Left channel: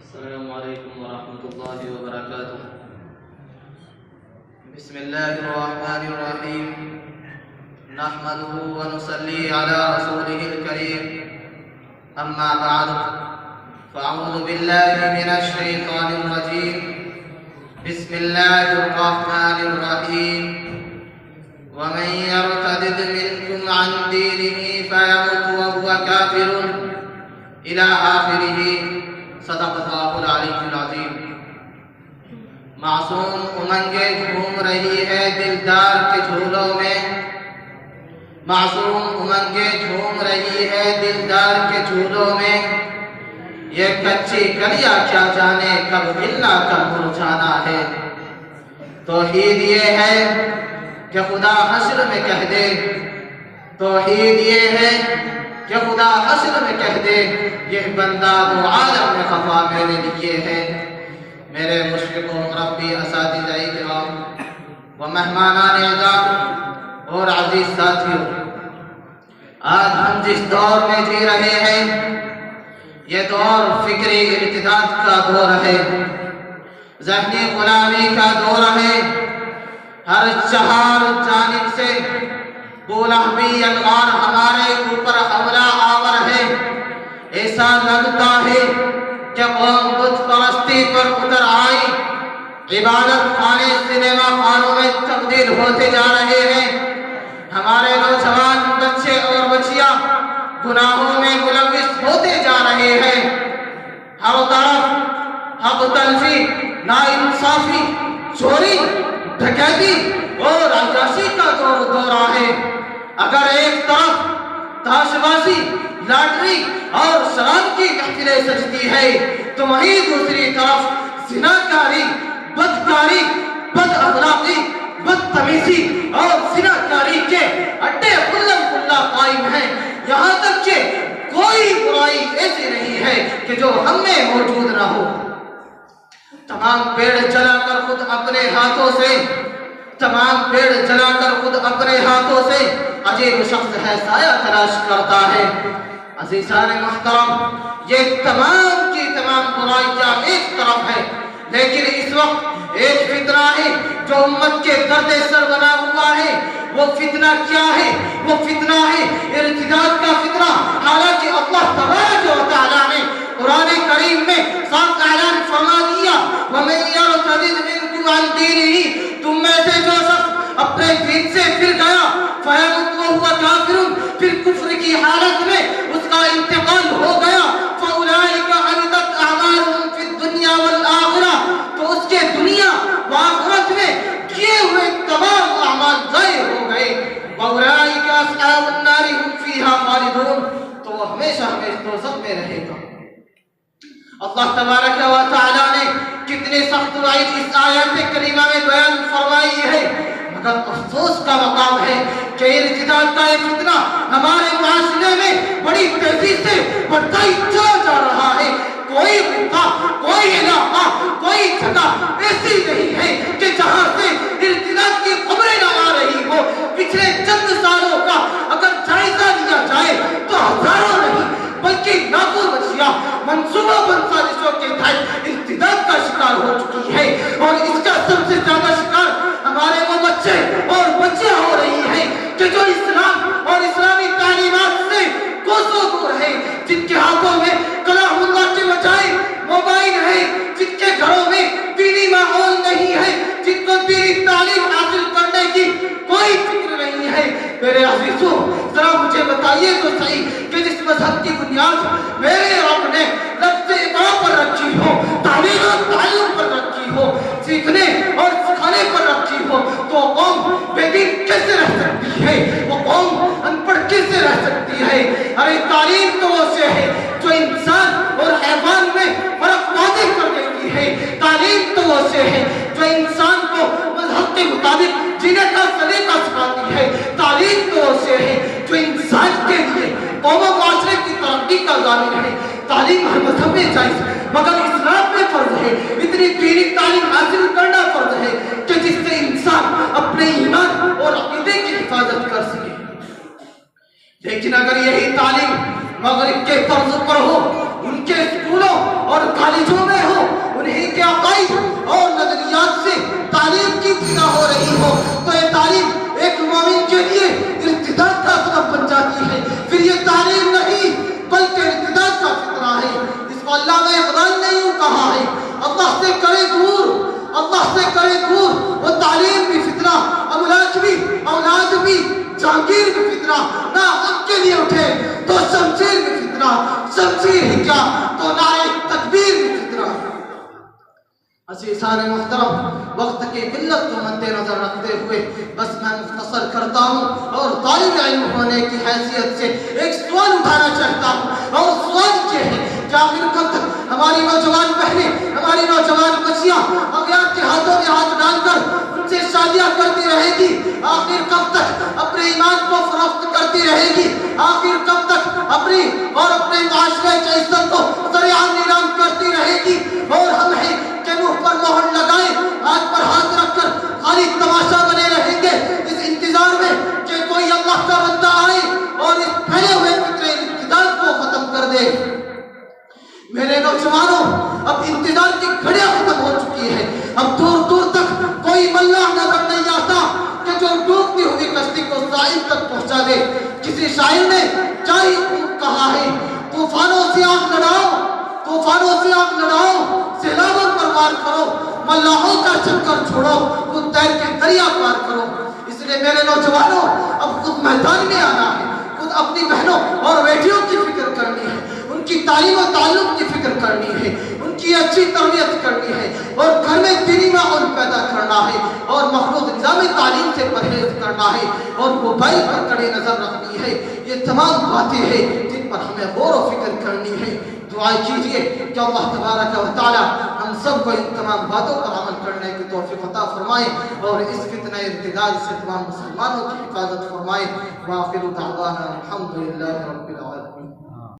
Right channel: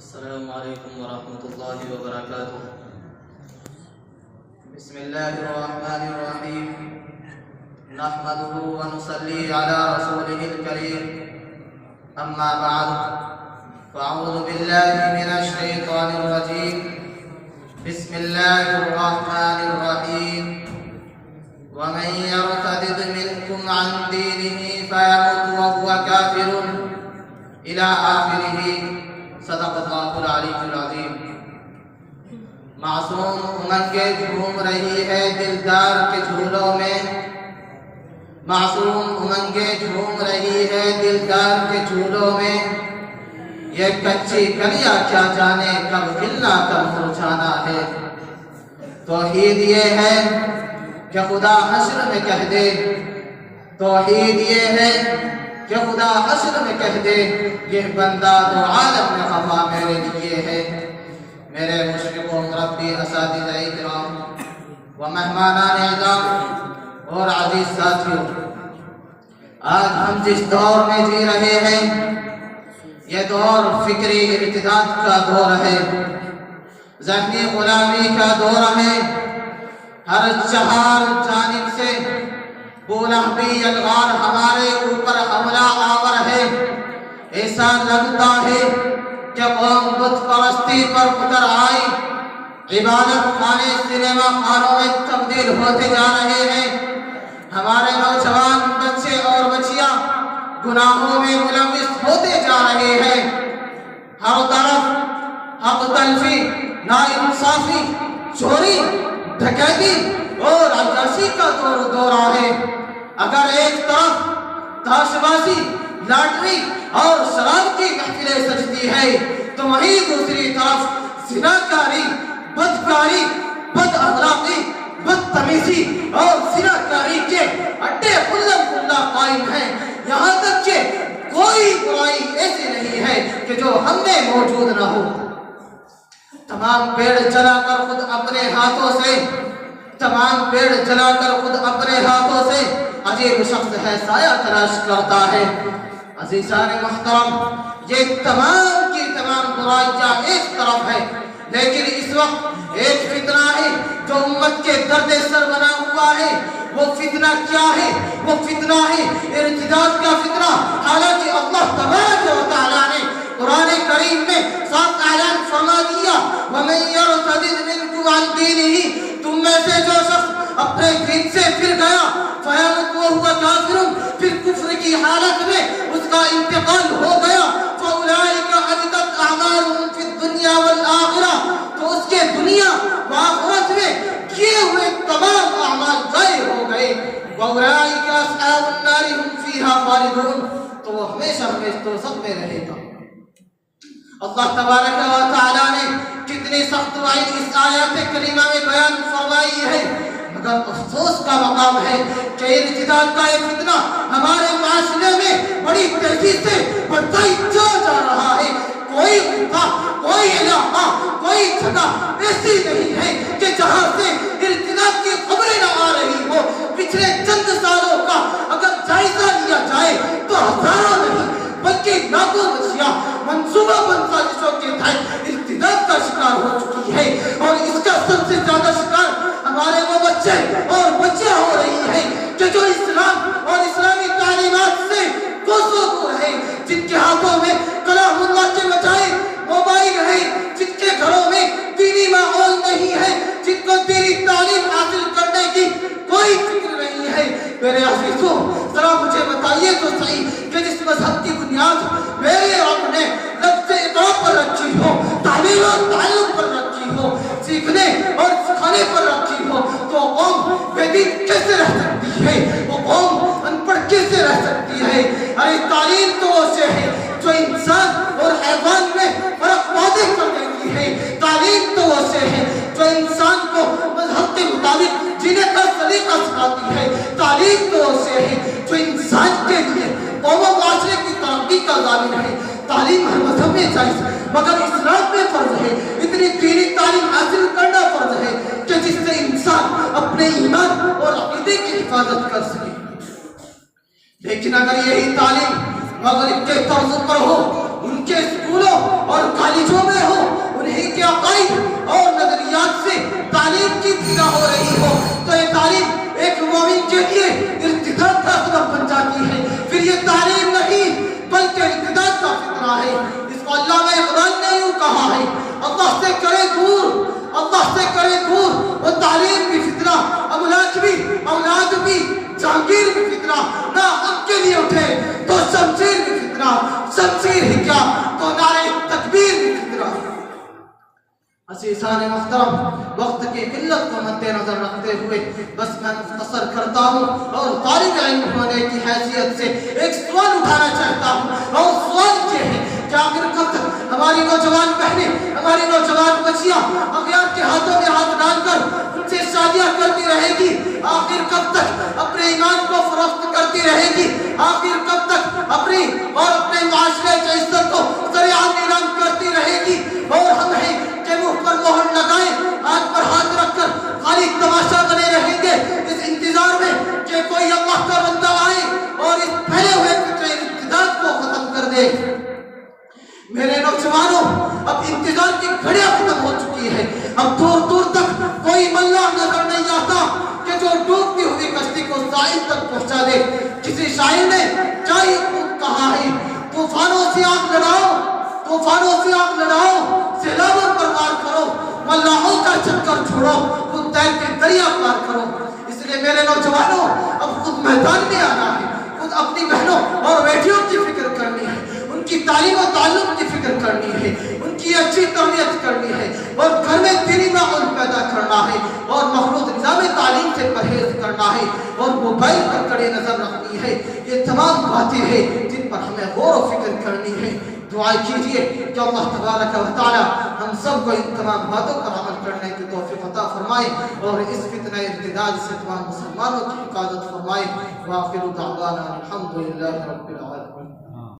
السلام علیکم ورحمۃ اللہ وبرکاتہ۔ بسم اللہ الرحمن الرحیم، نحمده ونصلی علی رسوله الکریم، اما بعد فاعوذ باللہ من الشیطان الرجیم، بسم اللہ الرحمن الرحیم، ومن يرتد منكم عن دینه فيمت وهو كافر الى آخرہ۔ صدق اللہ العلی العظیم۔ معصوم امنگیں گھوم رہی ہے دلدار کے جھولوں میں، معصوم امنگیں گھوم رہی ہے دلدار کے جھولوں میں، یہ کچی کلیاں کیا جانے کب ملنا کب مرجھانا ہے۔ توحید یہ ہے کہ خدا حشر میں کہہ دے، توحید یہ ہے کہ خدا حشر میں کہہ دے، یہ بندہ دو عالم میں خفا میں نے لیے ہیں۔ میرے مشفقوں ربی اساتذہ کرام و مہمانان اعزام اور عزیز ساتھیوں، آج ہم جس دور میں جی رہے ہیں یہ دور فکری ارتداد کا دور ہے، ذہنی غلامی کا دور ہے۔ ہر چہار جانب سے بولہبی الغار ہمارے اوپر حملہ آور ہے۔ ایسا لگتا ہے کہ قوم بت پرستی پر اتر آئی، عبادت خانے سنیما خانوں میں تبدیل ہوتے جا رہے ہیں۔ ہمارے نوجوان بچے اور بچیاں گناہوں میں ملوث ہوتے جا رہے ہیں۔ ہر طرف حق تلفی، ناانصافی، چوری، ڈکیتی اور عیاشی کا دورہ ہے۔ اگر ایک طرف تاش بازی، لاٹری اور شراب کی محفلیں سجتی ہے تو وہیں دوسری طرف زناکاری، بدکاری، بد اخلاقی، بدتمیزی اور زناکاری کے اڈے کلم کلا قائم ہیں۔ یہاں تک کہ کوئی برائی ایسی نہیں ہے کہ جو ہم میں موجود نہ ہو۔ تمام پیڑ جلا کر خود اپنے ہاتھوں سے، تمام پیڑ جلا کر خود اپنے ہاتھوں سے عجیب شخص ہے سایہ تلاش کرتا ہے۔ عزیزان محترم، یہ تمام کی تمام برائیاں ایک طرف ہے، لیکن اس وقت ایک فتنہ ہے جو امت کے درد سر بنا ہوا ہے۔ وہ فتنہ کیا ہے؟ وہ فتنہ ہے ارتداد کا فتنہ۔ حالانکہ اللہ تبارک و تعالیٰ نے قرآن کریم میں صاف اعلان فرما دیا، وَمَن يَرْتَدِدْ مِنكُمْ عَنْ دِينِهِ، تم میں سے جو شخص اپنے دین سے پھر گیا، فَيَمُتْ وَهُوَ كَافِرٌ، پھر کفر کی حالت میں اس کا انتقال ہو گیا، فَأُولَٰئِكَ حَبِطَتْ أَعْمَالُهُمْ فِي الدُّنْيَا وَالْآخِرَةِ، تو اس کے دنیا و آخرت میں کیے ہوئے تمام اعمال ضائع ہو گئے۔ وَأُولَٰئِكَ أَصْحَابُ النَّارِ هُمْ فِيهَا خَالِدُونَ، تو وہ ہمیشہ دوزخ میں رہے گا۔ اللہ تبارک و تعالیٰ نے کتنے سخت وعید اس آیت کریمہ میں بیان فرمائی ہے، مگر افسوس کا مقام ہے کہ ارتداد کا یہ فتنہ ہمارے معاشرے میں بڑی تیزی سے بڑھتا ہی چلا جا رہا ہے۔ کوئی خطہ، کوئی علاقہ، کوئی جگہ ایسی نہیں ہے کہ جہاں سے ارتداد کی خبریں نہ آ رہی ہو۔ پچھلے چند سالوں کا اگر جائزہ لیا جائے تو ہزاروں نہیں بلکہ لاکھوں بچیاں منصوبہ بند سازشوں کے تحت ارتداد کا شکار ہو چکی ہے، اور اس کا سب سے زیادہ شکار ہمارے وہ بچے اور بچیاں ہو رہی ہیں کہ جو اسلام اور اسلامی تعلیمات سے کوسوں دور ہے، جن کے ہاتھوں میں کلام اللہ کے بجائے موبائل ہے، جن کے گھروں میں دینی ماحول نہیں ہے، جن کو دینی تعلیم حاصل کرنے کی کوئی فکر نہیں ہے۔ میرے عزیزوں، ذرا مجھے بتائیے تو صحیح کہ جس مذہب کی بنیاد میرے رب نے لفظ اقرا پر رکھی ہو، تعلیم اور تعلم پر رکھی ہو، سیکھنے اور سکھانے پر رکھی ہو، تو قوم بے دین کیسے رہ سکتی ہے؟ وہ قوم ان پڑھ کیسے رہ سکتی ہے؟ ارے تعلیم تو وہ سے ہے جو انسان اور حیوان میں فرق واضح کر دیتی ہے۔ تعلیم تو وہ سے ہے جو انسان کو مذہب کے مطابق جینے کا طریقہ سکھاتی ہے۔ تعلیم تو وہ سے ہے جو انسان کے لیے قوم و معاشرے کی ترقی کا ضامن ہے۔ تعلیم ہر مذہب میں جائز ہے، مگر اسلام میں فرض ہے اتنی دینی تعلیم حاصل کرنا فرض ہے کہ جس سے انسان اپنے ایمان اور عقیدے کی حفاظت کر سکے۔ لیکن اگر یہی تعلیم مغرب کے طرز پر ہو، ان کے اللہ سے کرے دور، اللہ سے کرے دور۔ وہ تعلیم بھی فتنہ، املاک بھی، اولاد بھی، جہانگیر بھی فتنہ، نہ ان کے لیے اٹھے تو شمشیر بھی فتنہ، شمشیر ہی کیا تو نعرہ تکبیر بھی فتنہ۔ عزیزان محترم، وقت کی قلت کو مد نظر رکھتے ہوئے بس میں مختصر کرتا ہوں اور طالب علم ہونے کی حیثیت سے ایک سوال اٹھانا چاہتا ہوں، اور سوال یہ ہے کہ آخر کب تک ہماری نوجوان بہنیں، ہماری نوجوان بچیاں اغیار کے ہاتھوں میں ہاتھ ڈال کر ان سے شادیاں کرتی رہے گی؟ آخر کب تک اپنے ایمان کو فروخت کرتی رہے گی؟ آخر کب تک اپنی اور اپنے معاشرے کی عزت کو سرعام نیلام کرتی رہے گی؟ اور ہم ہیں کہ منہ پر مہر لگائیں، ہاتھ پر ہاتھ رکھ کر خالی تماشا بنے رہیں گے اس انتظار میں کہ کوئی اللہ کا بندہ آئے اور اس پھیلے ہوئے فطرے ارتداد کو ختم کر دے؟ میرے نوجوانوں، اب انتظار کی گھڑیاں ختم ہو چکی ہے۔ اب دور دور تک کوئی ملاح نظر نہیں آتا کہ جو ڈوبتی ہوئی کشتی کو ساحل تک پہنچا دے۔ کسی شاعر نے چاہیے کہا ہے، طوفانوں سے آگ لڑاؤ، طوفانوں سے آگ لڑاؤ، سیلابوں پر وار کرو، ملاحوں کا چکر چھوڑو، خود تیر کے دریا پار کرو۔ اس لیے میرے نوجوانوں، اب خود میدان میں آنا ہے، خود اپنی بہنوں اور بیٹیوں کی فکر کرنی ہے، ان کی تعلیم و تعلم کی فکر کرنی ہے، ان کی اچھی تربیت کرنی ہے، اور گھر میں دینی ماحول پیدا کرنا ہے، اور مخلوط نظام تعلیم سے پرہیز کرنا ہے، اور موبائل پر کڑے نظر رکھنی ہے۔ یہ تمام باتیں ہیں جن پر ہمیں غور و فکر کرنی ہے۔ دعا کیجئے کہ اللہ تبارک و تعالی ہم سب کو ان تمام باتوں پر عمل کرنے کی توفیق عطا فرمائے، اور اس فتنہ ارتداد سے تمام مسلمانوں کی حفاظت فرمائے۔ وآخر دعوانا الحمدللہ رب العالمین۔